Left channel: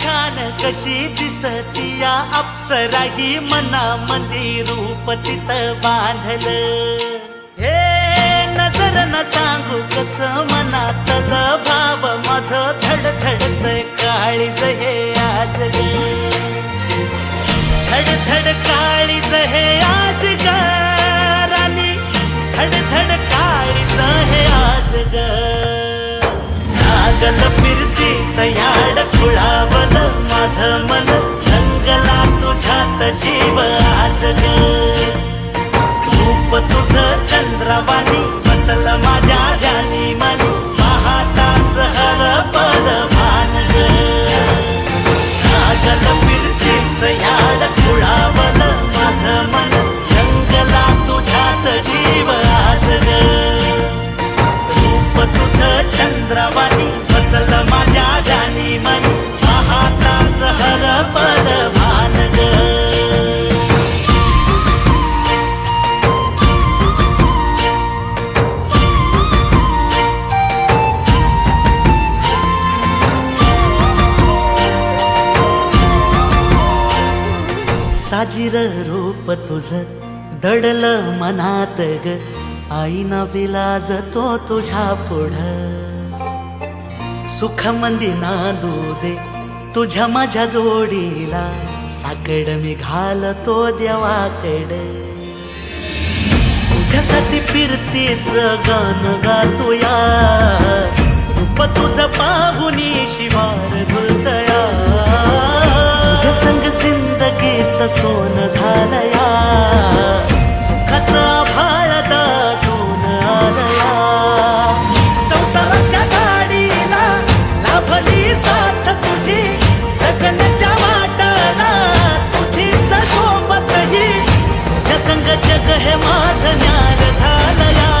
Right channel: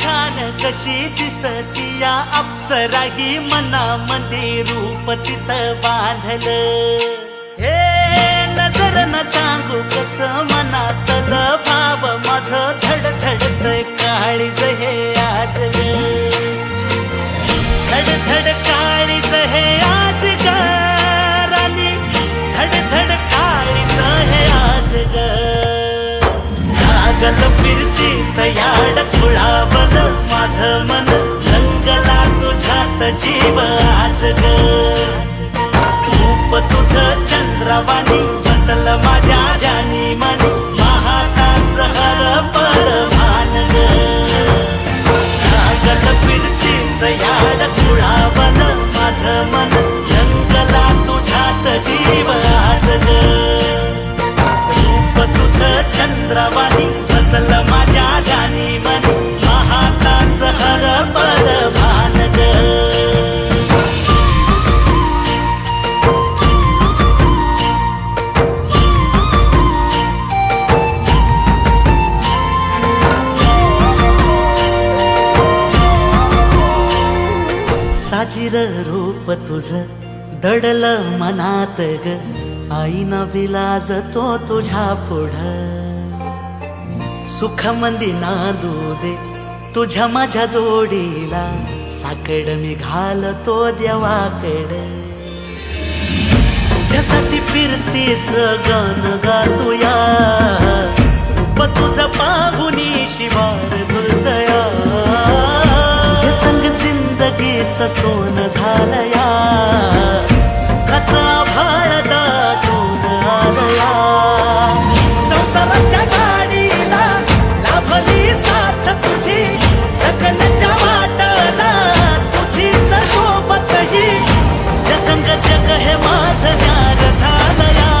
खान कशी दिसती या अप्सरा ही मनामंदी रूप तिचं बांधलं. हे नजर न सांगू कस मनातल भाव माझं धडधडतय काळीज हे आज ग. धडधड काळीज हे आज ग राणी, धडधड काळीज हे आज ग. लागल फिरतीच याड खुळावलं माझं मन, रंगला तुझ्यात जीव आज ग. रूप तुझं चंद्रवाणी बसल माझ्या ध्यानी मनी, पाहताच हरपल भान ग. लागल फिरतीच याड खुळावलं माझं मन, रंगला तुझ्यात जीव आज ग. रूप तुझं चंद्रवाणी बसल माझ्या ध्यानी मनी, पाहताच हरपल भान ग. साजीर रूप तुझं दडलं मनात ग, आईना विलाज तो तुझ्या पुढं. सुख मंदी नांदू दे तुझ्या माझ्या जोडीला, साकड मी घालतो देवाकड. तुझ्यासाठी फिरतीच गाण गातोया, रूप तुझं पाहुनी शिवार झुलतया. तुझ्या संग जिंदगीच सोन झालया, सुखाचा भाळ दाटून आलया. संसाराच्या गाडीला लाभली साथ तुझी, जगण्याच्या वाटाला तुझीच सोबत ही. तुझ्या संग जग हे माझं न्यार झालया.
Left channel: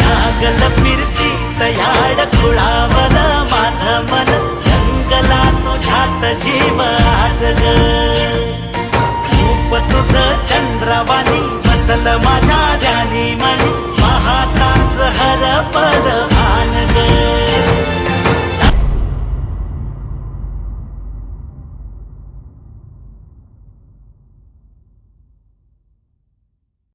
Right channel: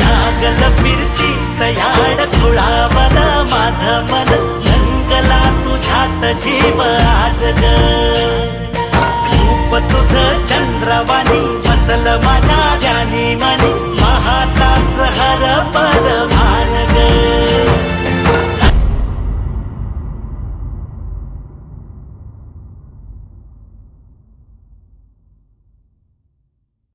लागल फिरतीच याड खुळावलं माझं मन, रंगला तुझ्यात जीव आज ग. रूप तुझं चंद्रवाणी बसल माझ्या ध्यानी मनी, पाहताच हरपल भान ग.